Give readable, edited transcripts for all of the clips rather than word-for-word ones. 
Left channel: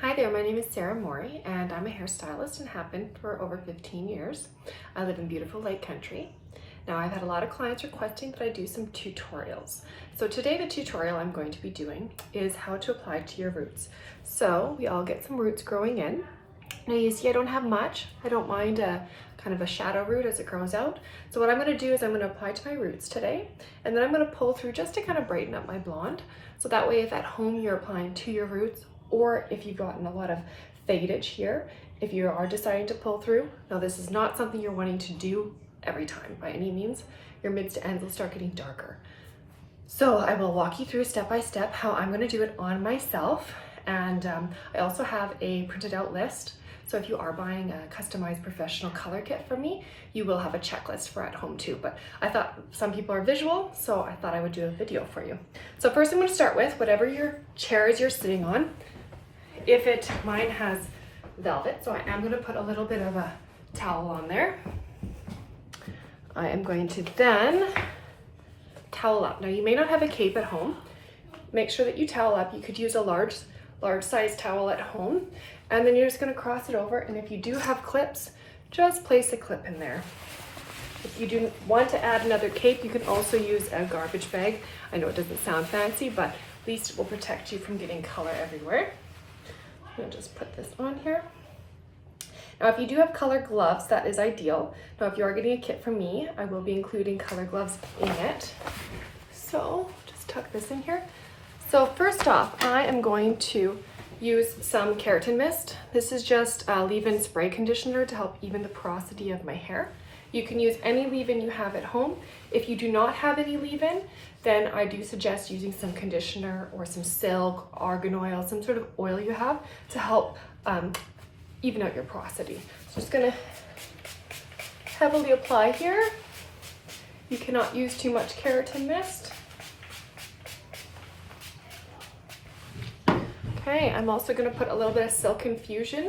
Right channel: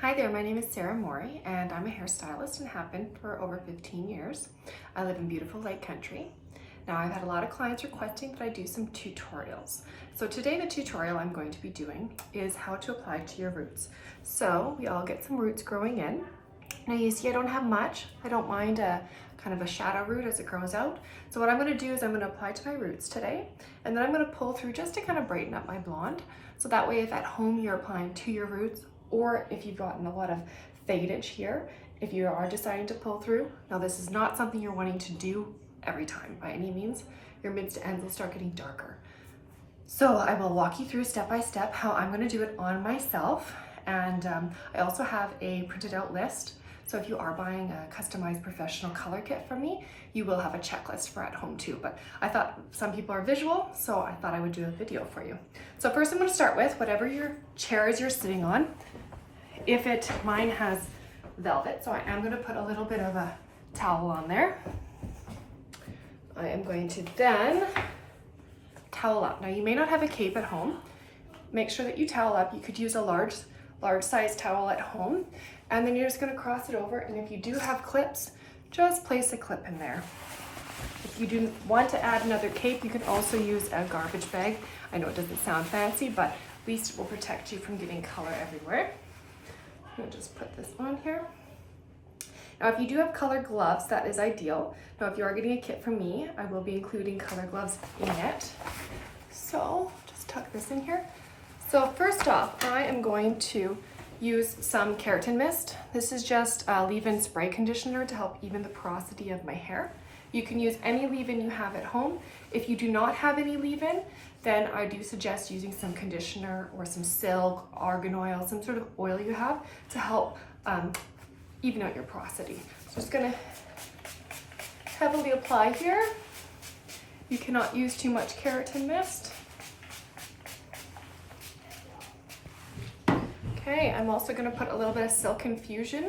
Hi there, my name is Sarah Morey and I'm a hairstylist and have been for over 15 years. I live in beautiful Lake Country. Now I've had a lot of clients requesting that I do some tutorials. So today the tutorial I'm going to be doing is how to apply to your roots. So we all get some roots growing in. Now you see I don't have much. I don't mind kind of a shadow root as it grows out. So what I'm going to do is I'm going to apply to my roots today, and then I'm going to pull through just to kind of brighten up my blonde. So that way if at home you're applying to your roots, or if you've gotten a lot of fadage here, if you are deciding to pull through, now this is not something you're wanting to do every time by any means. Your mids to ends will start getting darker. So I will walk you through step by step how I'm going to do it on myself. And I also have a printed out list. So if you are buying a customized professional color kit from me, you will have a checklist for at home too. But I thought some people are visual, so I thought I would do a video for you. So first I'm going to start with whatever your chairs you're sitting on. Mine has velvet, so I am going to put a little bit of a towel on there. I am going to then towel up. Now you may not have a cape at home. Make sure that you towel up. You could use a large size towel at home, and then you're just going to cross it over, and if you do have clips, just place a clip in there. If you do want to add another cape, you can also use a garbage bag. I know it doesn't sound fancy, but at least it will protect you from getting color everywhere. I'm going to just put this on here. Now if you do have color gloves, that is ideal. Now if you are getting a kit from me, I will be including color gloves in it. So just tuck this in here. So first off, I am going to use some keratin mist. This is just a leave-in spray conditioner to help even the porosity of my hair. You can use any leave-in you have at home. If you do not have any leave-in, then I do suggest using some conditioner or some silk, argan oil, some sort of oil you have to help even out your porosity. So just gonna heavily apply here. You cannot use too much keratin mist. Okay, I'm also gonna put a little bit of silk infusion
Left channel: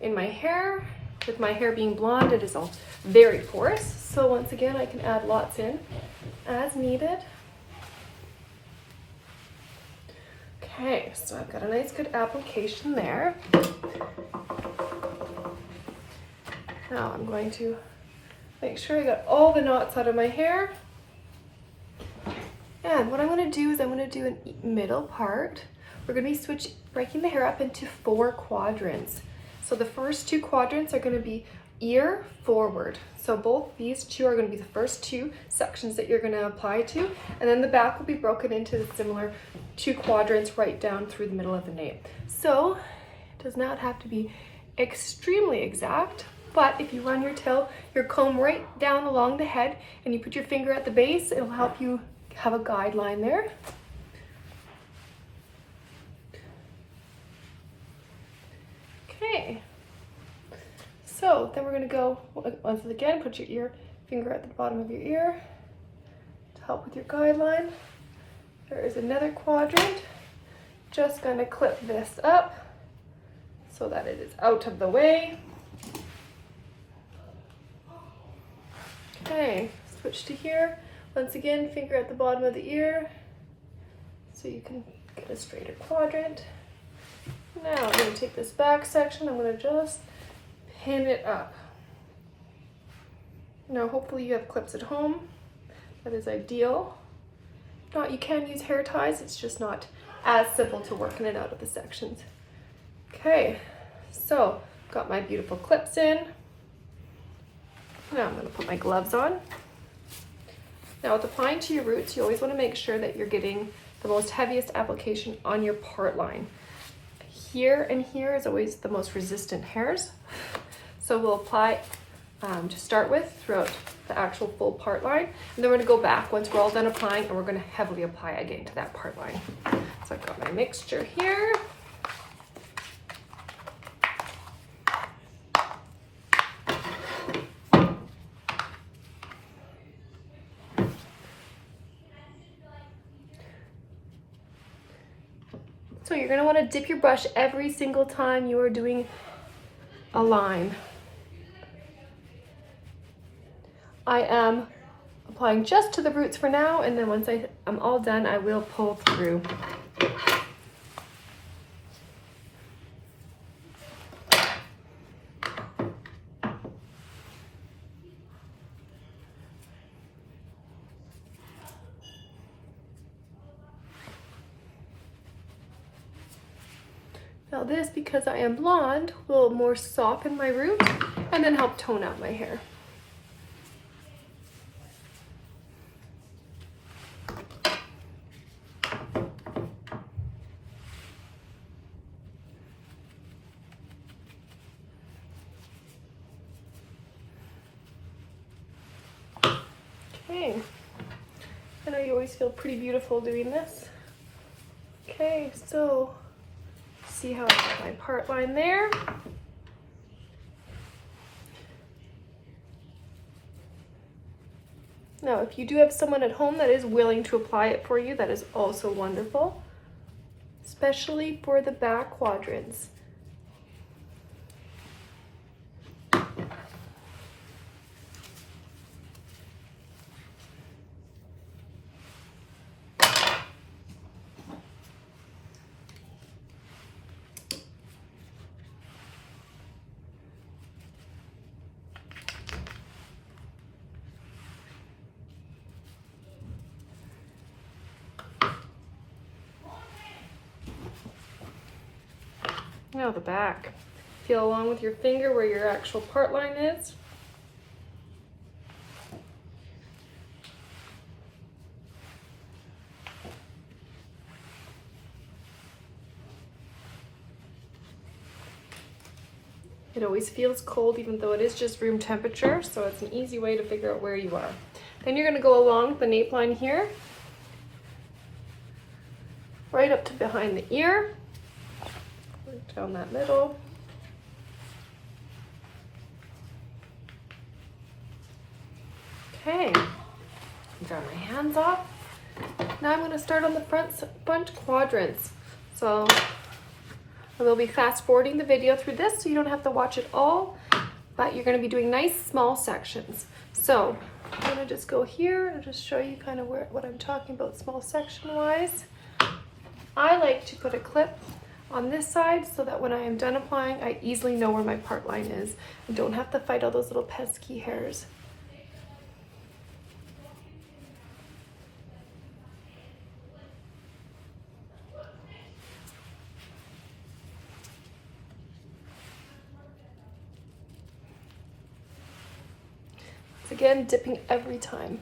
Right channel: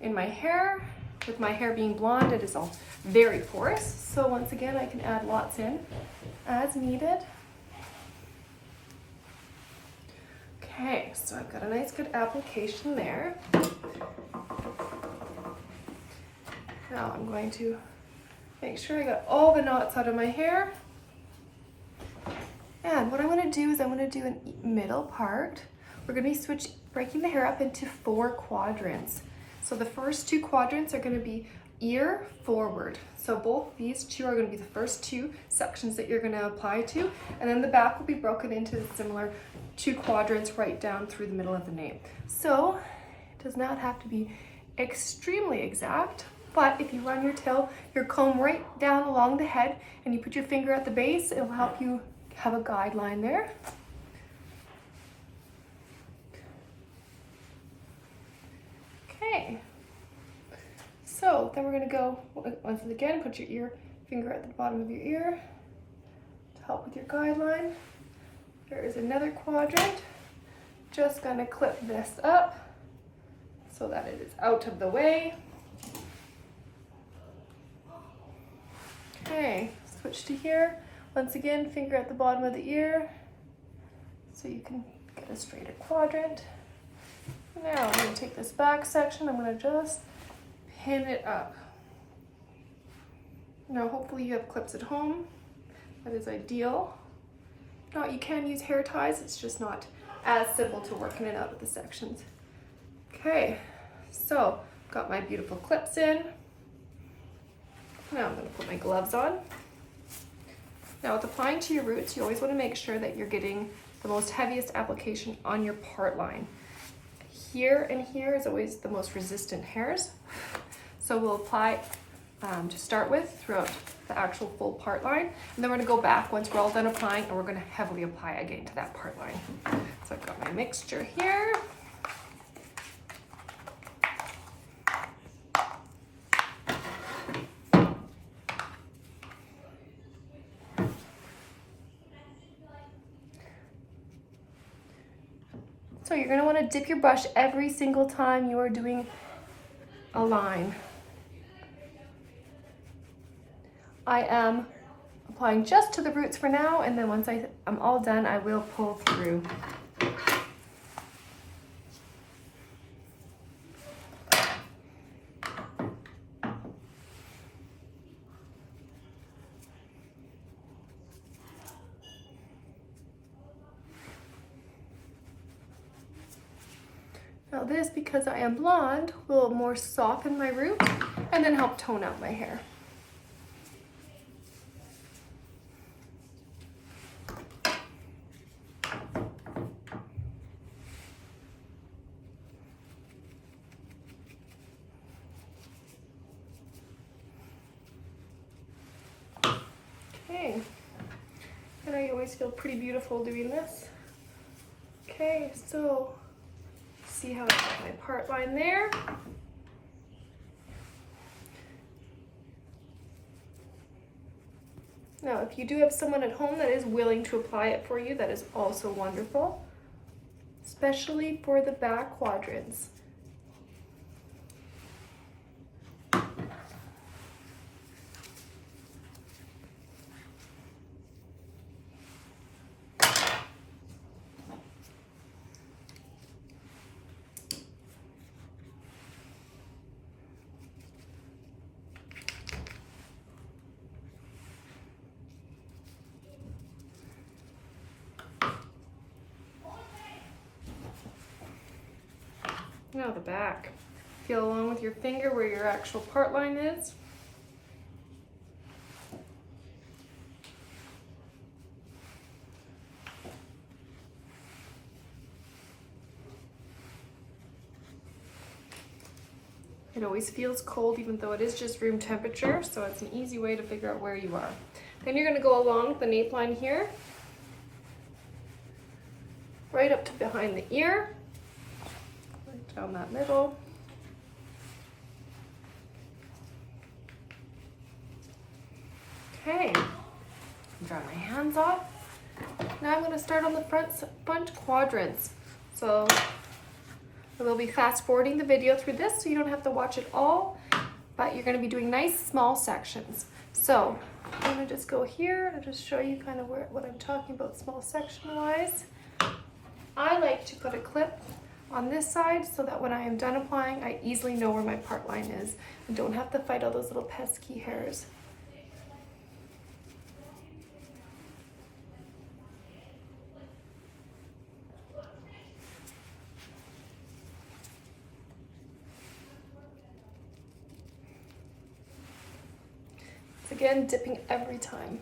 in my hair. With my hair being blonde, it is all very porous. So once again, I can add lots in as needed. Okay, so I've got a nice good application there. Now I'm going to make sure I got all the knots out of my hair. And what I'm going to do is I'm going to do a middle part. We're going to be breaking the hair up into 4 quadrants. So the first 2 quadrants are going to be ear forward. So both these 2 are going to be the first 2 sections that you're going to apply to. And then the back will be broken into similar 2 quadrants right down through the middle of the nape. So it does not have to be extremely exact, but if you run your comb right down along the head and you put your finger at the base, it'll help you have a guideline there. Okay, so then we're going to go once again, put your finger at the bottom of your ear to help with your guideline. There is another quadrant. Just going to clip this up so that it is out of the way. Okay, switch to here. Once again, finger at the bottom of the ear so you can get a straighter quadrant. Now I'm going to take this back section, I'm going to just pin it up. Now hopefully you have clips at home. That is ideal. If not, you can use hair ties, it's just not as simple to work in and out of the sections. Okay, so got my beautiful clips in. Now I'm going to put my gloves on. Now with applying to your roots, you always want to make sure that you're getting the most heaviest application on your part line. Here and here is always the most resistant hairs. So we'll apply to start with throughout the actual full part line. And then we're going to go back once we're all done applying, and we're going to heavily apply again to that part line. So I've got my mixture here. So you're going to want to dip your brush every single time you are doing a line. I am applying just to the roots for now, and then once I'm all done, I will pull through. Now this, because I am blonde, will more soften my root and then help tone out my hair. Okay, I know you always feel pretty beautiful doing this. Okay, so see how I got my part line there. Now, if you do have someone at home that is willing to apply it for you, that is also wonderful, especially for the back quadrants. Now the back. Feel along with your finger where your actual part line is. It always feels cold even though it is just room temperature, so it's an easy way to figure out where you are. Then you're going to go along the nape line here, right up to behind the ear, right down that middle. Okay, dry my hands off. Now I'm going to start on the front quadrants. So I will be fast forwarding the video through this so you don't have to watch it all, but you're going to be doing nice small sections. So I'm going to just go here and just show you kind of what I'm talking about small section wise. I like to put a clip on this side so that when I am done applying, I easily know where my part line is and don't have to fight all those little pesky hairs. Again, dipping every time.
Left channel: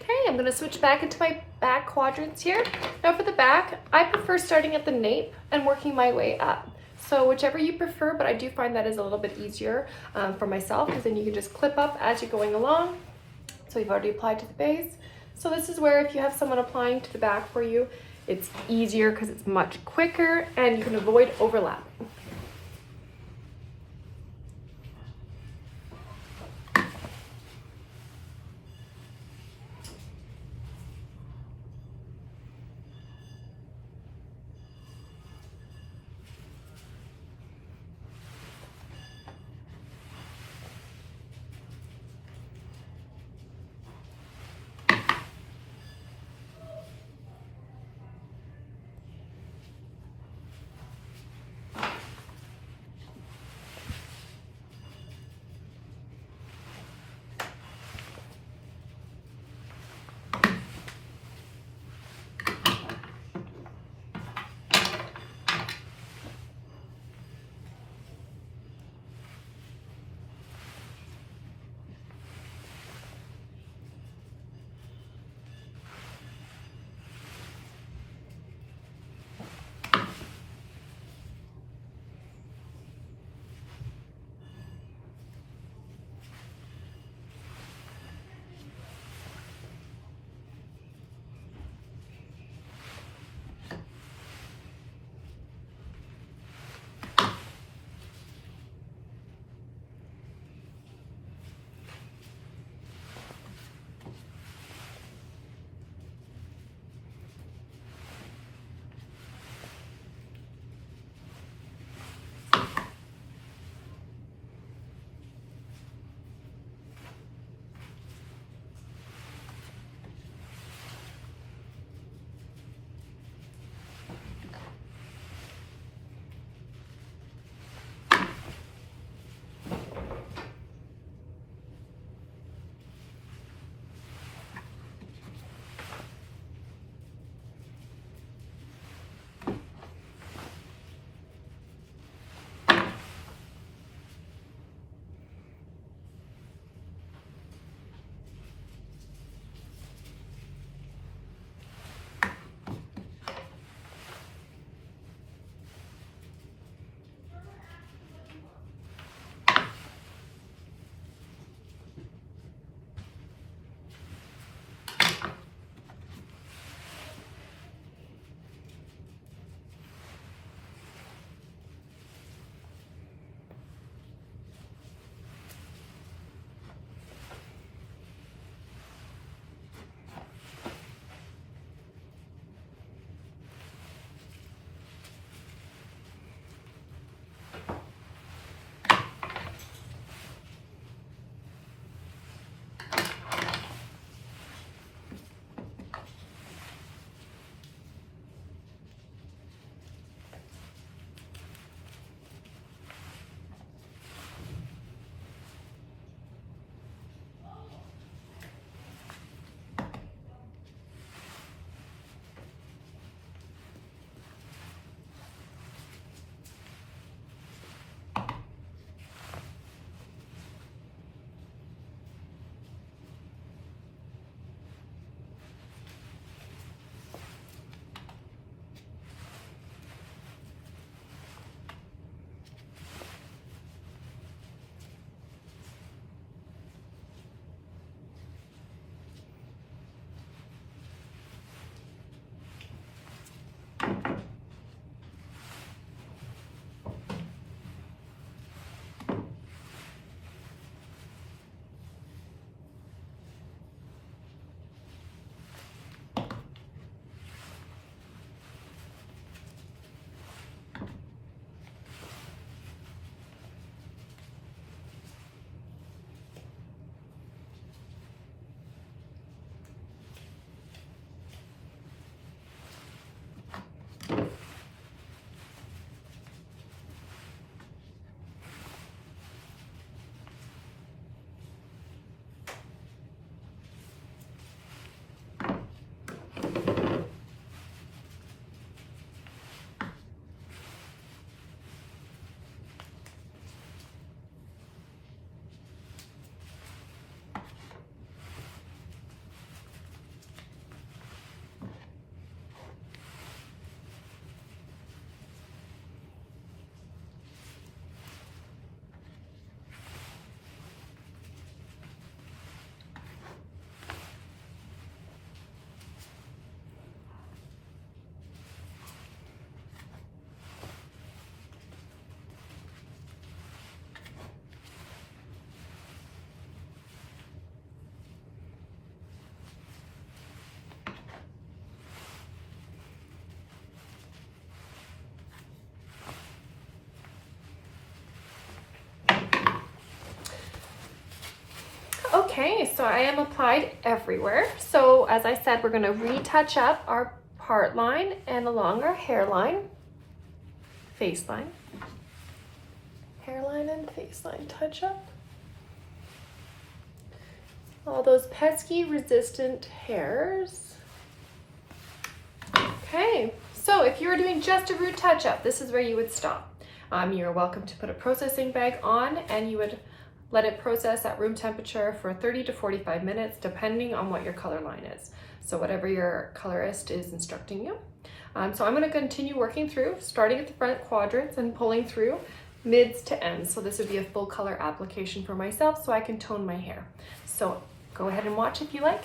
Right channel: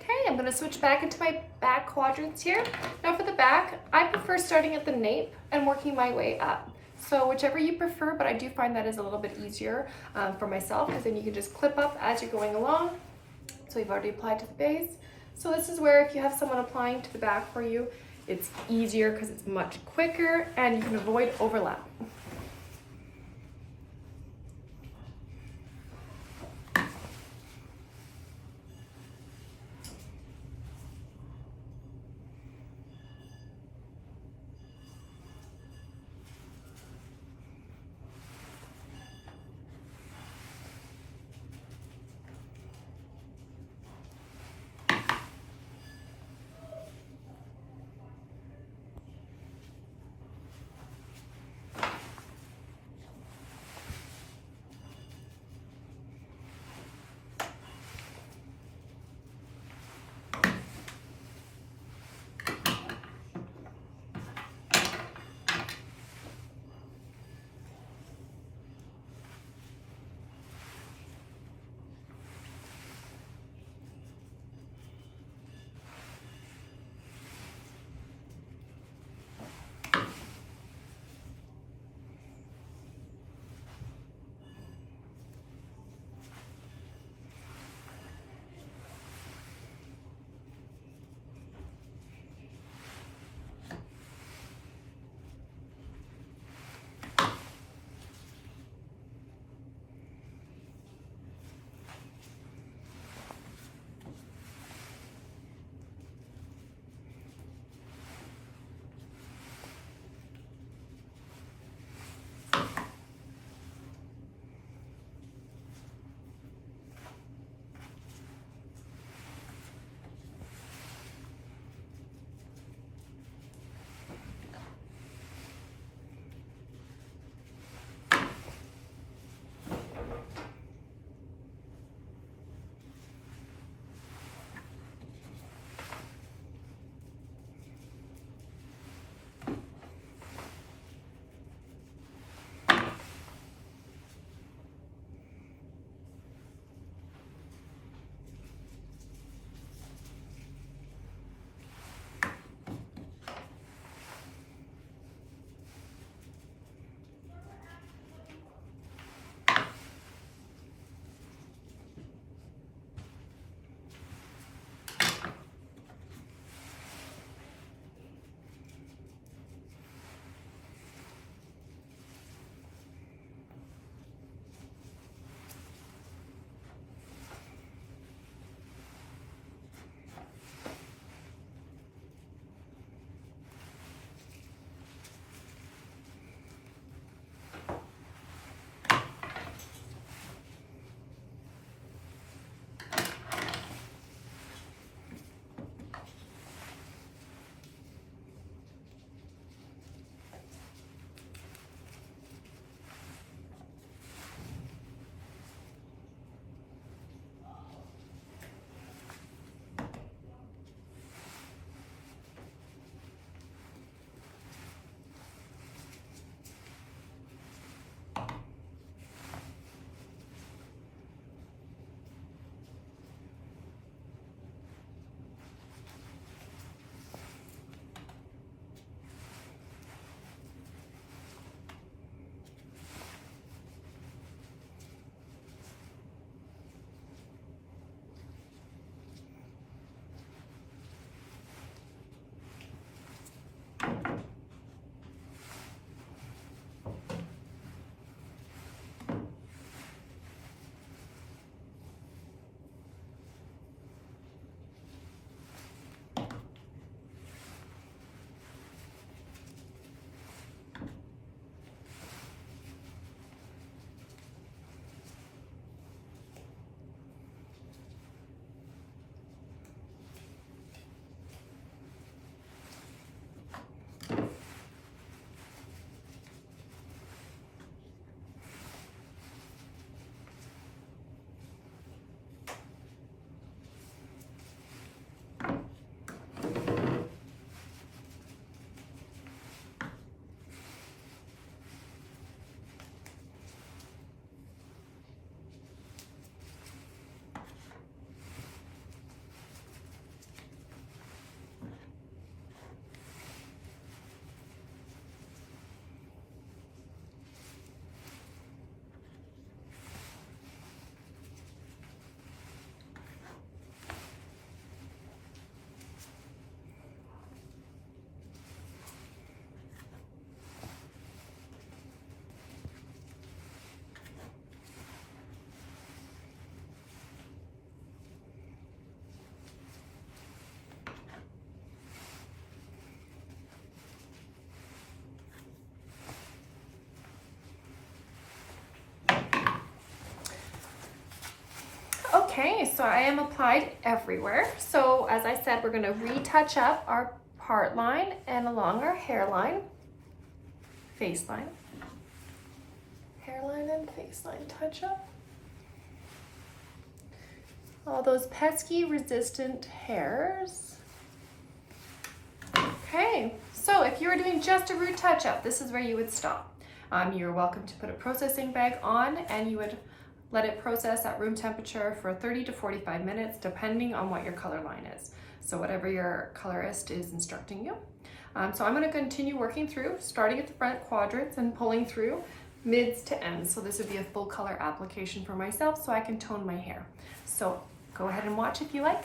Okay, I'm gonna switch back into my back quadrants here. Now for the back, I prefer starting at the nape and working my way up. So whichever you prefer, but I do find that is a little bit easier for myself, because then you can just clip up as you're going along. So we've already applied to the base. So this is where if you have someone applying to the back for you, it's easier because it's much quicker and you can avoid overlapping. Okay, so I am applied everywhere. So as I said, we're going to retouch up our part line and along our hairline, face line, hairline and face line touch up. All those pesky resistant hairs. Okay, so if you were doing just a root touch up, this is where you would stop. You're welcome to put a processing bag on and you would let it process at room temperature for 30 to 45 minutes, depending on what your color line is. So whatever your colorist is instructing you. So I'm gonna continue working through, starting at the front quadrants and pulling through mids to ends. So this would be a full color application for myself so I can tone my hair. So go ahead and watch if you like.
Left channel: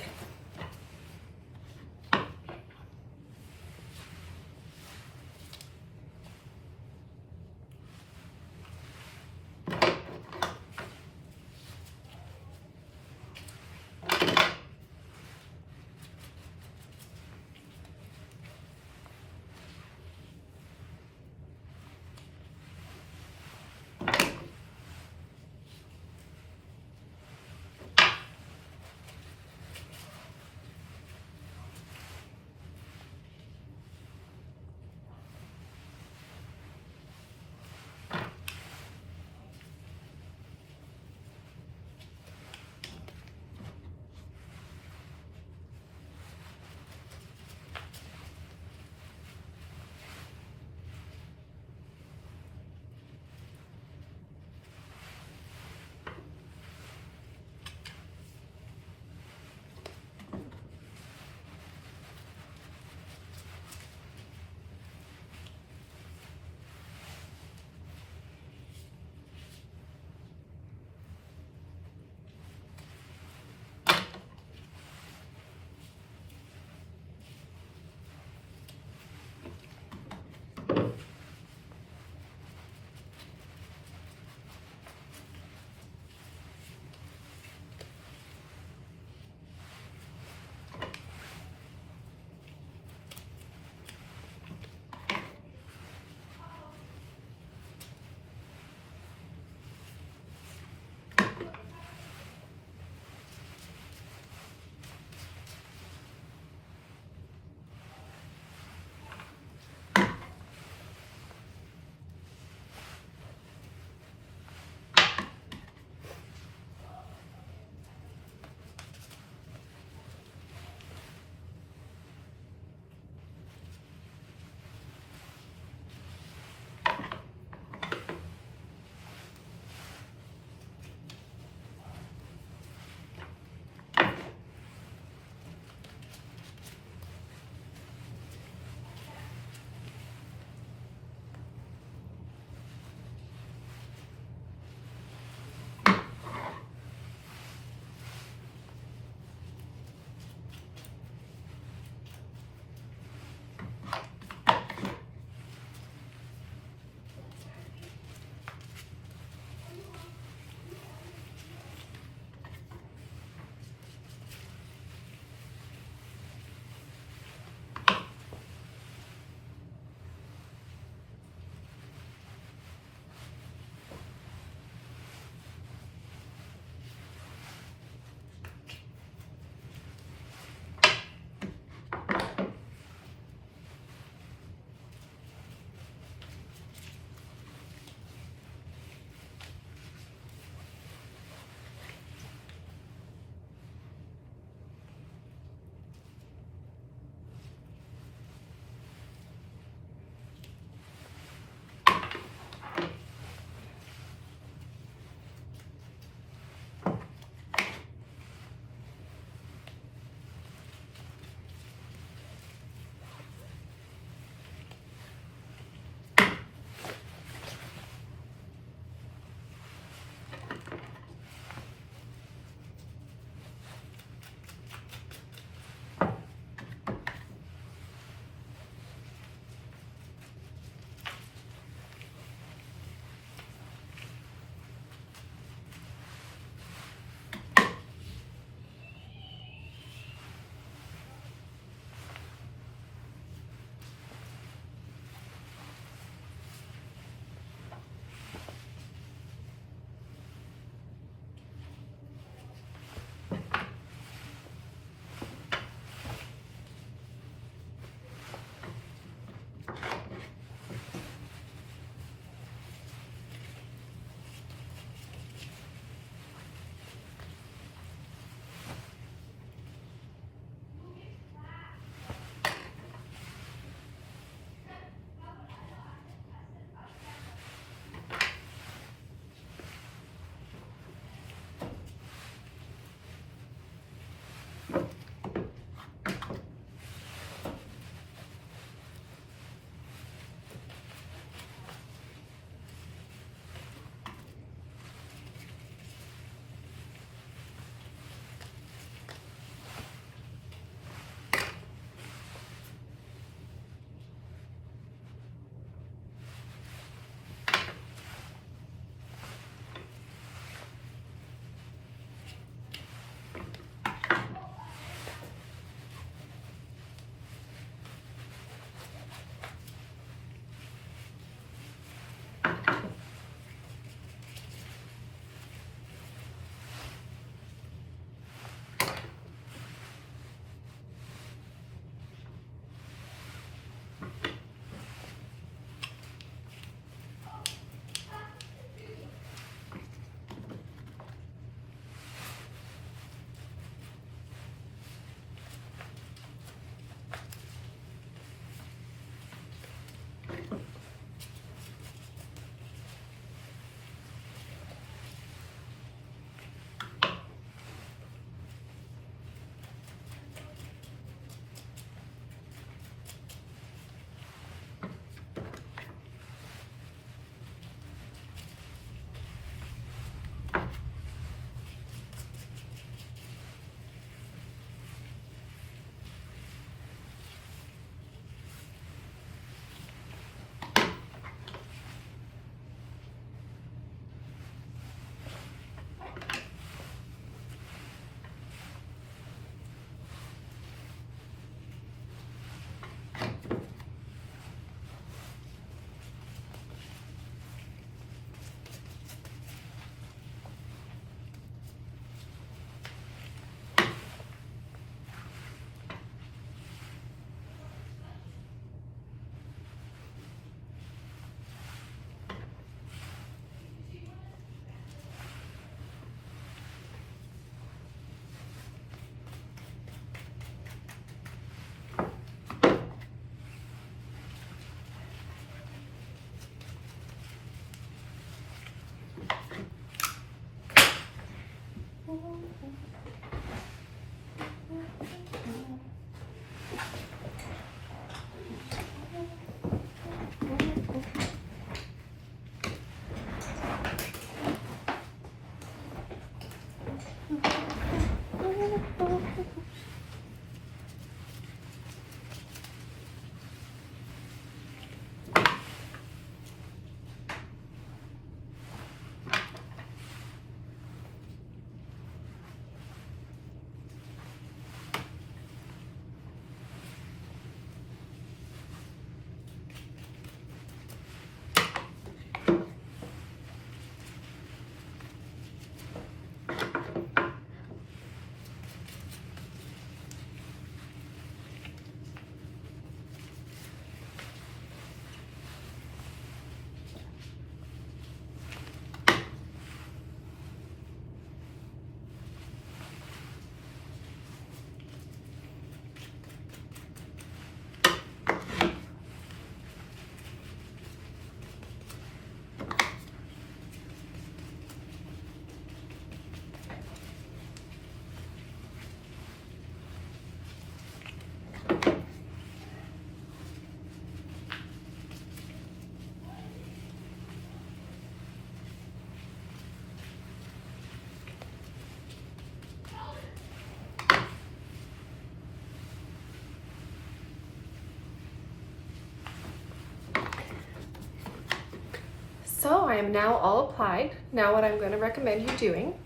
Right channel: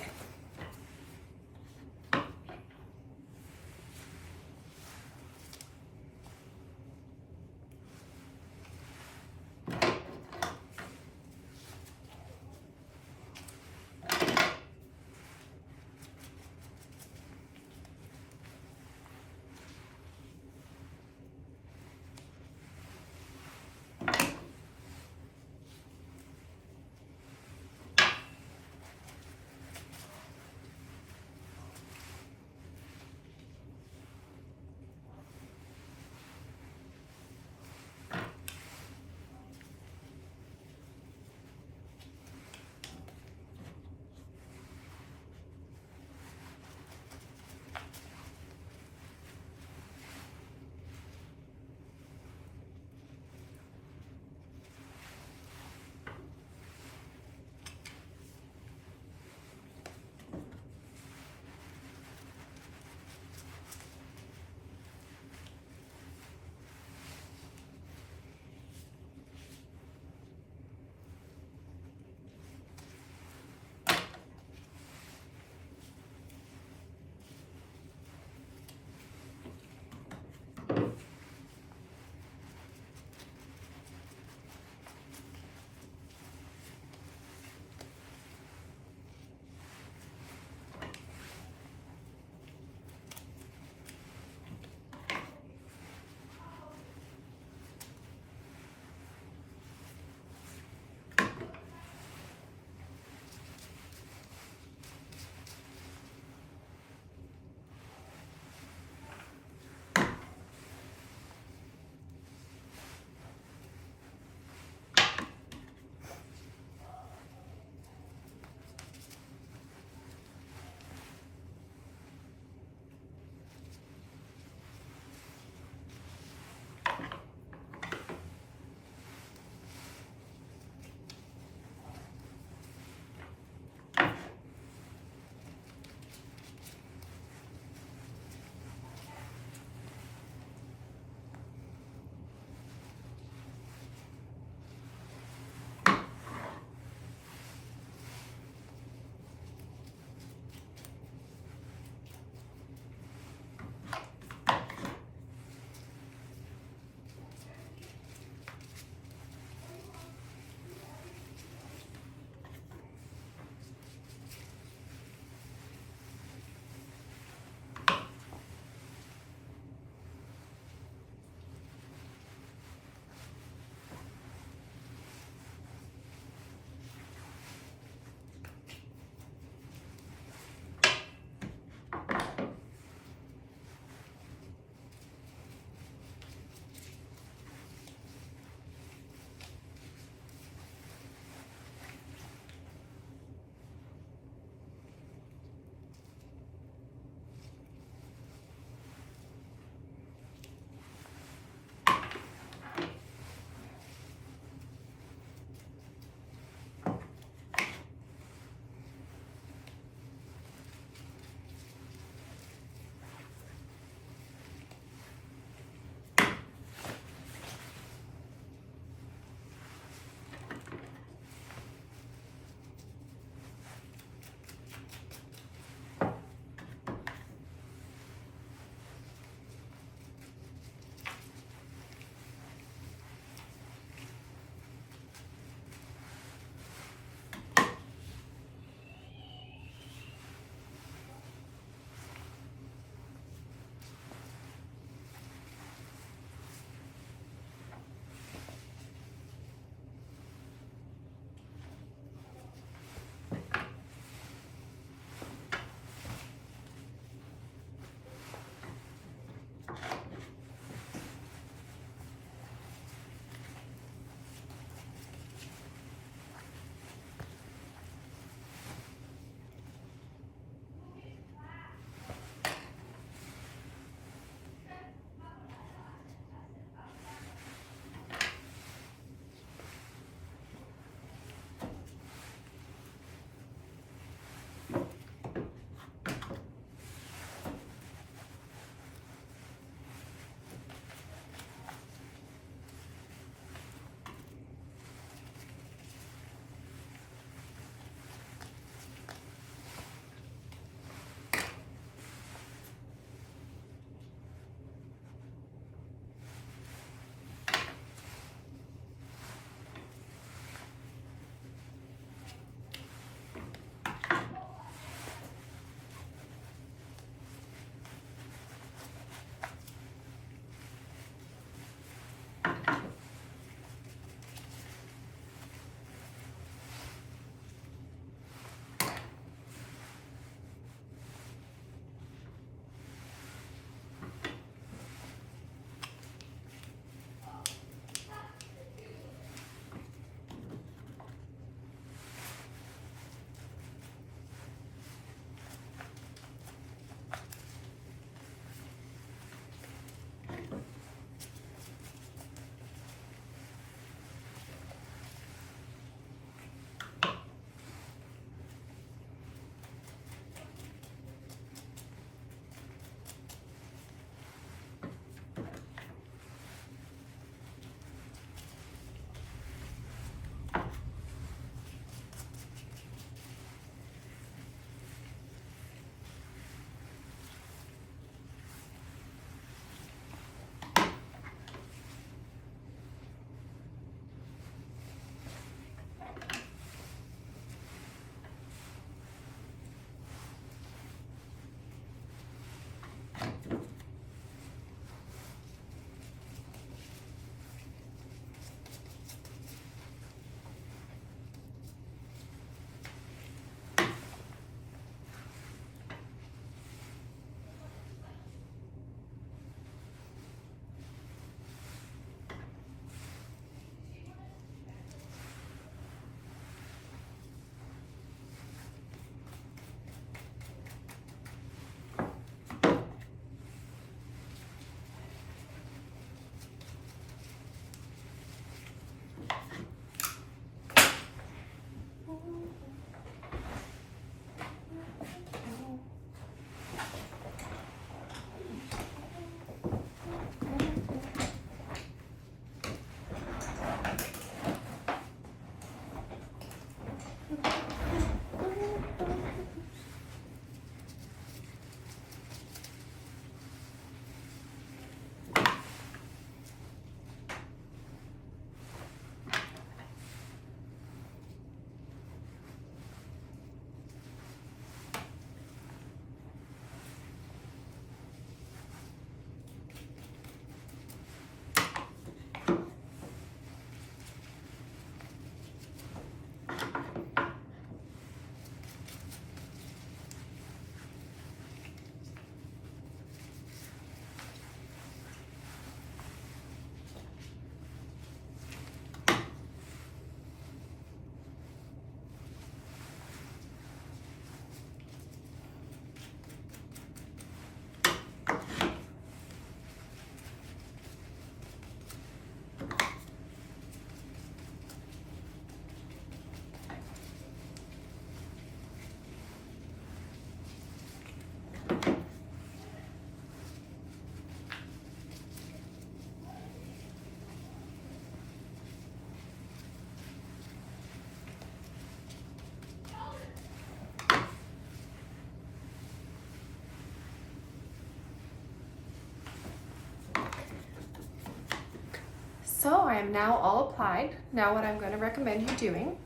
So I am now all applied. Now what I'm going to recommend you doing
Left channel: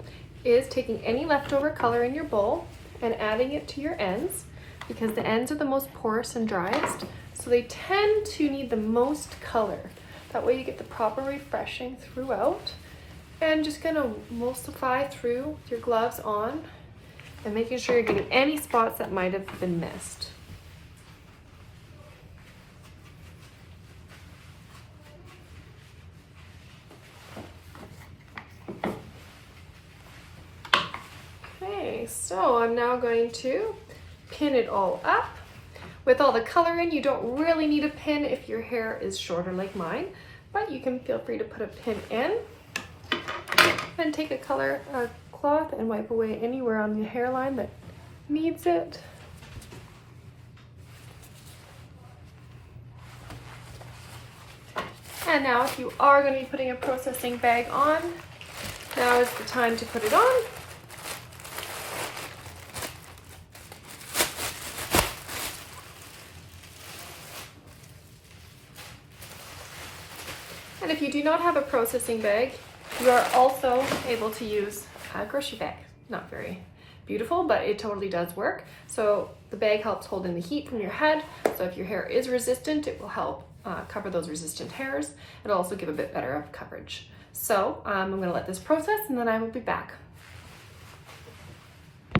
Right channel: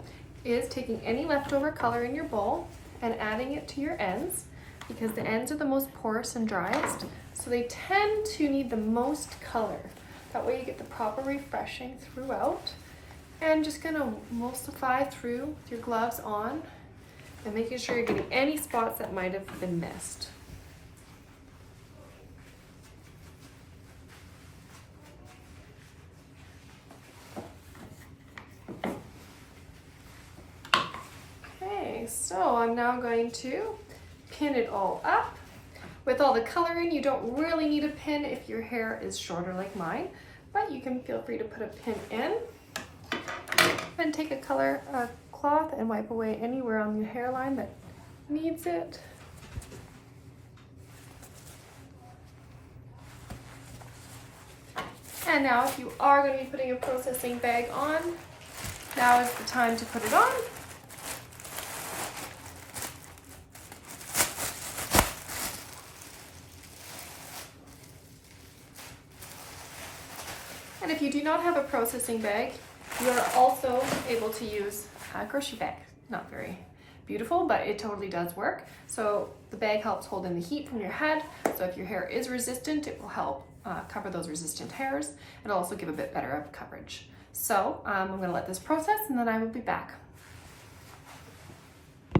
is taking any leftover color in your bowl and adding it to your ends, because the ends are the most porous and driest, so they tend to need the most color. That way you get the proper refreshing throughout. And just gonna emulsify through with your gloves on and making sure you're getting any spots that might have been missed. Okay, so I'm now going to pin it all up. With all the color in, you don't really need a pin if your hair is shorter like mine, but you can feel free to put a pin in. And take a cloth and wipe away anywhere on the hairline that needs it. And now if you are going to be putting a processing bag on, now is the time to put it on. And if you do not have a processing bag, you are also able to use a grocery bag. Not very beautiful, but it totally does work. So the bag helps hold in the heat from your head. So if your hair is resistant, it will help cover those resistant hairs. It'll also give a bit better of coverage. So I'm gonna let this process and then I will be back.